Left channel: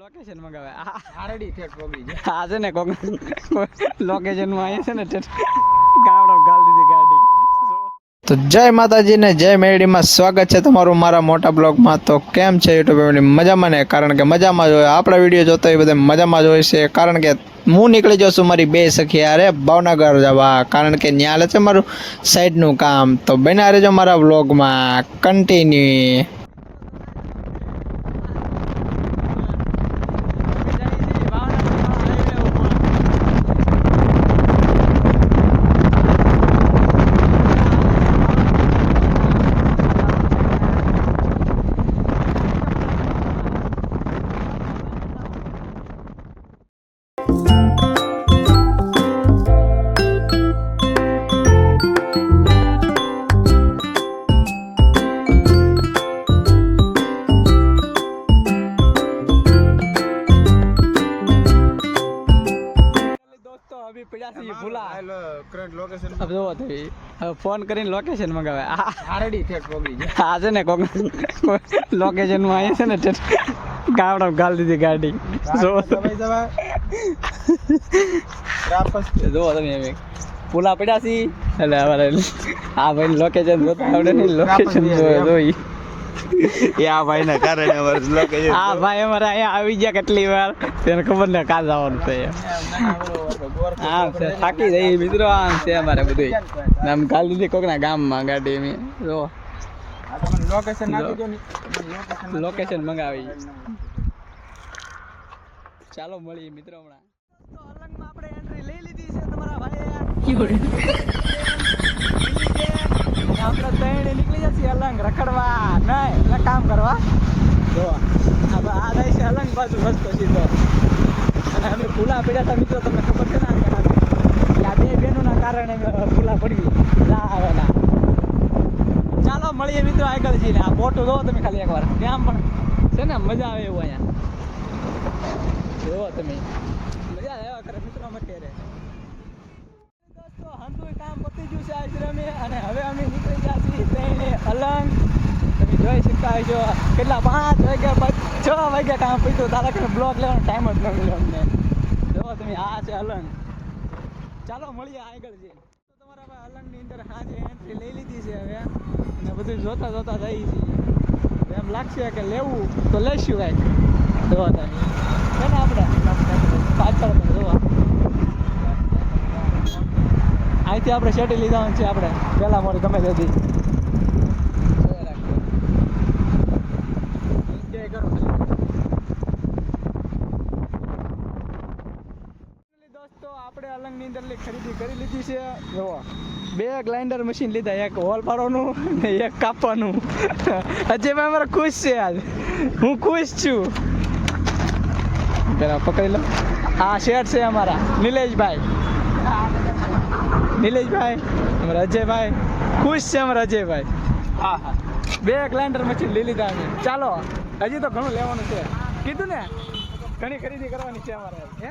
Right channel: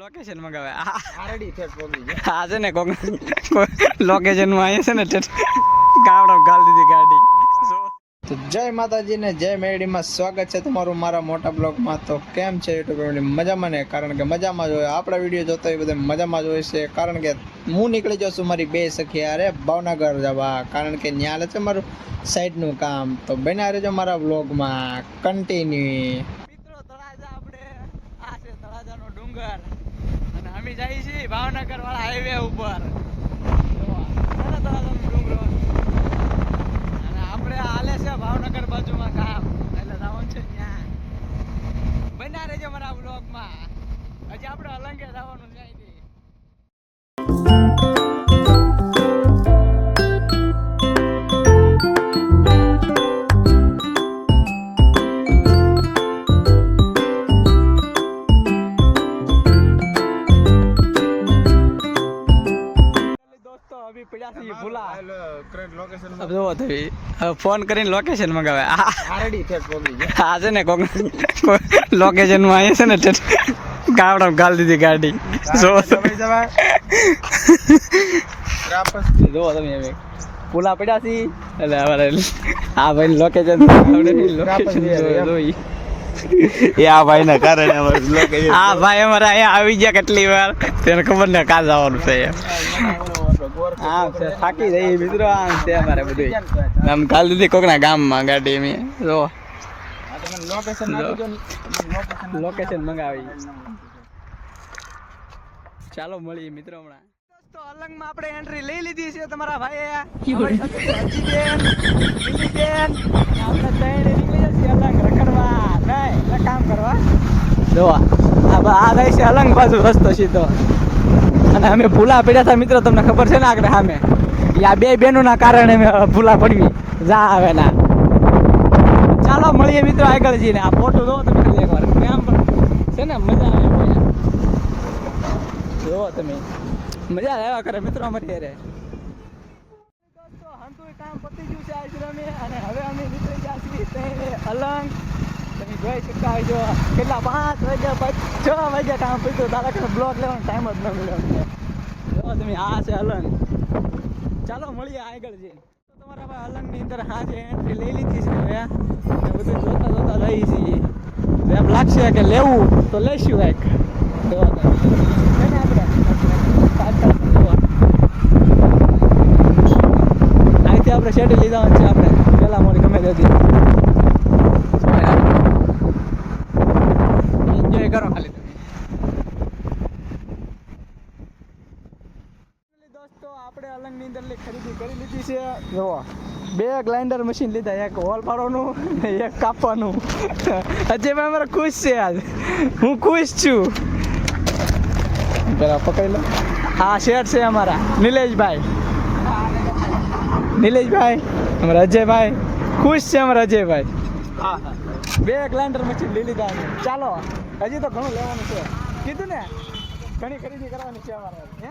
Location મંગાવે RD ઠેઠ પોગી ગયો. આ છે ને કોક લોકેશન માં અહીંયા છે ને ગાવડો ગાલ દીધી ગાડી. તો જય માતાજી ને જય મેરડીમાં સ્વાગત છે તમારું મારા મોટા બ્લોગમાં. તો કેમ છે યુટ્યુબ ફેમિલી? મજામાં ને? કારણ કે મજામાં જ હોય. આપણા વિડીયો જોતો હોય બધા મજામાં જ હોય છે. કારણ કે હું નીકળી જાઉં છું મારી બે સખી હારે ભાવનગર જવા, કારણ કે ન્યાલે છે મારું સાઈડનું કામ. તો બન્યા રહેજો મારા બ્લોગમાં કન્ટિન્યુ. અભી પડ્યા છે ભૂલા. કરંટ લોકેશન હવે જોવો તો હવે ફોન કરીને લોકેશન મંગાવે આરડી ઠેઠ પોગી ગયો. આ છે ને કોક લોકેશન માં અહીંયા છે ને ગાવડો ગાલ દીધી ગાડી. જોવો જોવો તમે હવે ભૂલા પડ્યા છે એટલે અમારે આ ભાઈ લોકેશન આવડે નહીં. લોકેશન જોઈ એ આ ભાઈ ના કારણે લોકેશન આ ભાઈ અમારે અહીંયા આવી ગયા કેટલી વાર તેને ખબર ને કાં જવાનું છે. હા છે થાકી જઈ મિત્રો. આમ છે અમારે બધું આમ ગાલ દીધી કોકના ગામમાં ગાડી મેં જો લોકેશન મંગાવી. ચાલો મળીએ મિત્રો હમણાં. તો અલંગમાં આપણે એન્ટ્રી લઈ લીધી છે તમારા ભાઈએ. આપણે ત્રણ નીકળી જશે અલંગ રખડવા નહીં એટલે કામ કરવા. જો આ જાય છે અલંગ બાજુ રસ્તો સીધો. અને અમે ભૂલા પડ્યા હતા મિત્રો, તમને ખબર છે ને આગળ સામે આ બે બહેનોના કારણે અમે ભૂલા પડવી જા આવે ના. ચાલો મળીએ મિત્રો આગળ જઈને. આ ફોટો જોવો તમે ખાલી એકવાર, આમ પણ છે ને મજા આવે એવો. જોવો તમે મજા આવ્યા કરે મિત્રો અમારી રે. દોસ્તો હંતુય કામ પતી ગયું છે આશ્રમે અને હવે અમે નીકળી ગયા છીએ ટ્રેને અલંગ. તમે જોઈ શકતા હોય છો કેટલા 5 વાગ્યા 6 વાગ્યા કામ પત્યું. તારા કે બ્લોક લેવાનો ટાઈમ જ ન મળ્યો અમને. જોવો તમે આ છે અલંગ. ચાલો મળીએ આગળ જઈએ. તમારા ભાઈ અલંગની અંદર હા છે એન્ટ્રી લઈ લીધી છે હવે ને બધું જોતા જોતા રહી છીએ. એમ લાગશે કે લેવું તો લઈશું કાંઈક. જોવા તો છે ને આપણે પાછળ જોવા અહીંથી આપણે શેટી લીધા છે આપણે પહેલાં મોડી ગમે ત્યાંથી. એન્જોય કરો ખાલી. દોસ્તો આપણે અલંગની અંદર ખરીદી કરી લીધી છે. જોવો 2 ગ્રાઇન્ડર મશીન લીધા, એક હોલ પાડવાનું ને એક કાપવાનું. અજયભાઈ અમારે ખુશ છે આજ. હું ખુશ છું. પેલા પકડી લો. આ શેઠ છે અમારા નિલેશભાઈ. અમારા અજયભાઈ ખુશ છે. અમારા અજયભાઈ 2 ગ્રાઇન્ડર મશીન લઈ લીધા અમે. ચાલો હજી તો ઘણું લેવાનું છે કીધું ને, ઘણી ખરીદી કરવાની છે અમારે. હે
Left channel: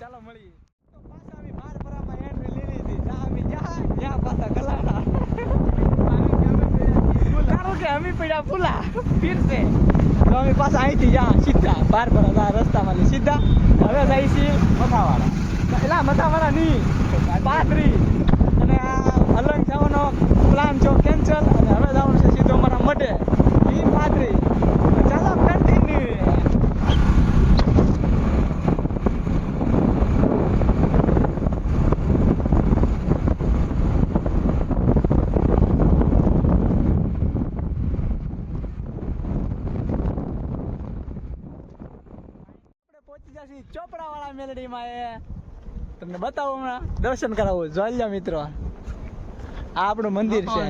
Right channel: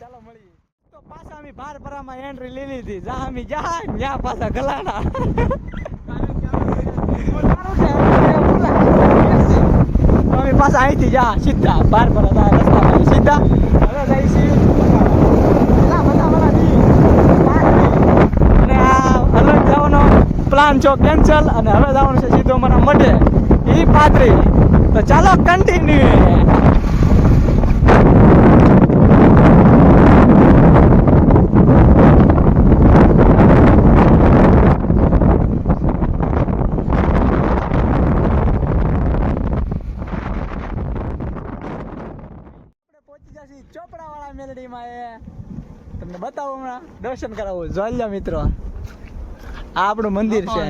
ચાલો મળીએ. તો પાછા અમે ભારપરામાં એન્ટ્રી લઈ લીધી. જા અમે જાય ત્યાં પાછા ગલાડા ભૂલા તો અમે પાછા અહીંથી જા સીધા ભારપરા રસ્તામાં સીધા હવે જાય છીએ પેલા મતાવાળા ની પાથરી. અને આ અલગ જવાનો પ્લાન છો કેન્સલ અને હવે જવાનું છે સીધો અમારા મઢે એ પાથરી. તો ચાલો કન્ટિન્યુ. ચોપડાવાળા મેલડીમાં એ તમને બતાવો હમણાં દર્શન કરાવું. જોઈ લો મિત્રો આ આપણું મંદિર છે.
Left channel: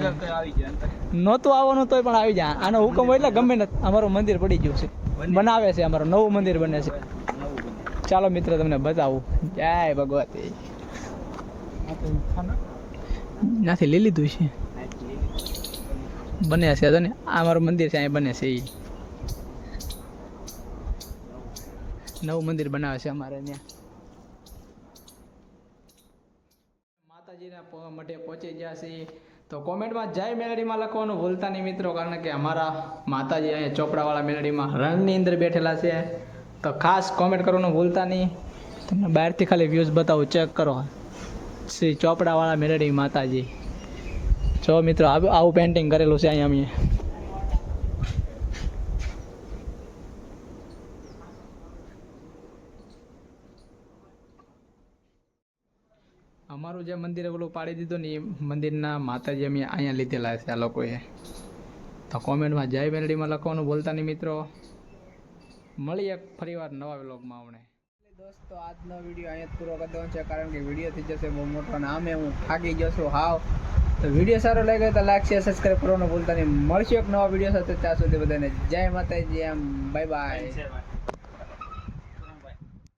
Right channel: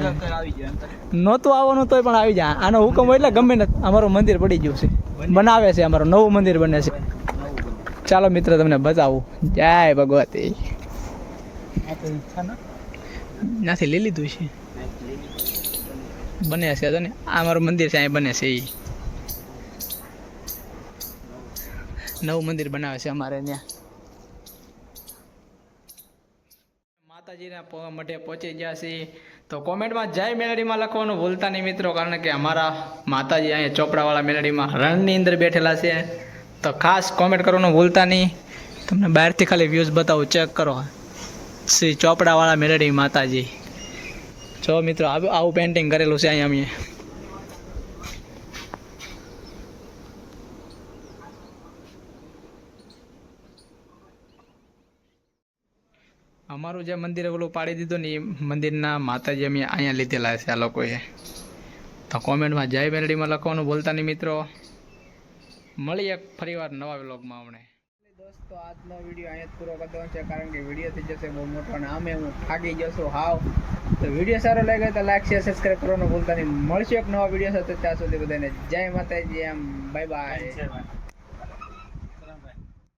નહોતું આવવાનું તોય પણ આવી જાય. આનો હુકમ હોય એટલે ગમે ને અમારું મંદિર પડી ગયું છે, બનાવે છે. અમારું નવું મંદિર બને છે. ચાલો મિત્રો તમને બતાવું. જય ભગવતી. નાથી લઈ લીધું છે બને છે તો ને આ મારું મંદિર છે અહીં બને છે. એ નવું મંદિર બનાવે છે અમારે ત્યાં. માતાજીના મઢે પહોંચી ગયા છીએ. તો કોમેન્ટમાં જય મેલડીમાં લખવાનું ભૂલતા નહીં મિત્રો, કારણ કે અમારા માતાજી અહીંયા ચોપડાવાળા મેલડીમાં રણની અંદર બેઠેલા છે. તો ખાસ કોમેન્ટ કરવાનું ભૂલતા નહીં. તમને બહારથી ખાલી વ્યૂઝ બતાવું, ચેક કરો. શ્રી ચોપડાવાળા મેલડી માતાજી. જો મિત્રો આવું પેઇન્ટિંગ કરેલું છે અહીંયા અમે. અમારું જે મંદિર ઓલું પાડી દીધું ને એ મંદિરના માતાજી અમે અહીંયા લીધેલા છે આ લોકોએ. તો કોમેન્ટમાં જય મેલડીમાં લખવાનું ભૂલતા નહીં મિત્રો. મળીએ ફરીવાર નવા વ્લોગમાં આપણે. દોસ્તો આજનો વિડીયો અહીંયા જ પૂરો કરી દેવાનો છે, કારણ કે વિડીયો થઈ જશે બહુ મોટો અને આમે હું થાકી જશું હાવ. તો વિડીયો સારો લાગ્યો તો લાઈક શેર સબસ્ક્રાઈબ કરવાનું ભૂલતા નહીં. મળશું એક નવા વિડીયો સાથે. ત્યાં સુધી બધાને જય માતાજી. એમ બાય બાય.